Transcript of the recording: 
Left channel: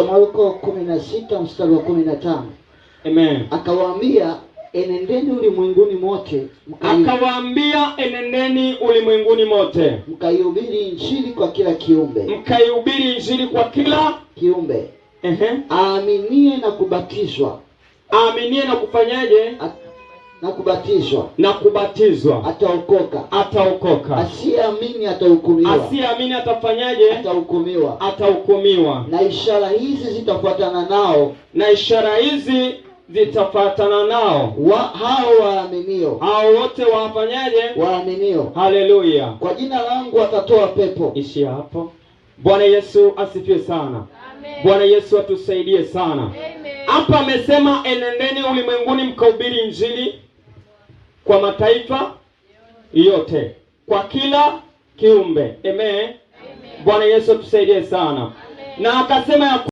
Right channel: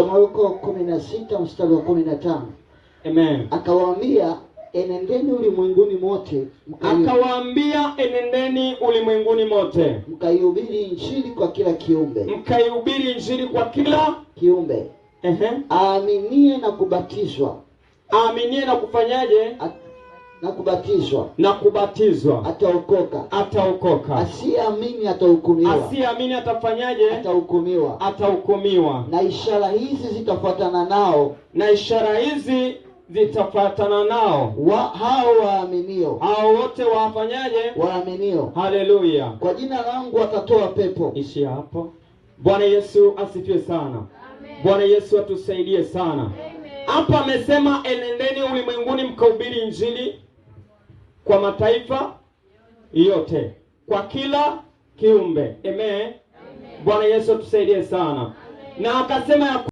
Marko 16 mstari wa 15. Amen. Akawaambia, enendeni ulimwenguni mote, mkaihubiri injili kwa kila kiumbe. Aaminie na kufanyaje? Na kubatizwa ataokoka. Asiyeamini atafanyaje? Atahukumiwa. Na ishara hizi zitafuatana nao hao waaminio. Hao wote wafanyaje? Waaminio. Haleluya. Kwa jina langu watatoa pepo. Ishi hapo. Bwana Yesu asifiwe sana. Amen. Bwana Yesu atusaidie sana. Amen. Hapa amesema enendeni ulimwenguni mkahubiri injili kwa mataifa yote, kwa kila kiumbe. Amen. Amen. Bwana Yesu atusaidie sana. Amen. Na akasema ya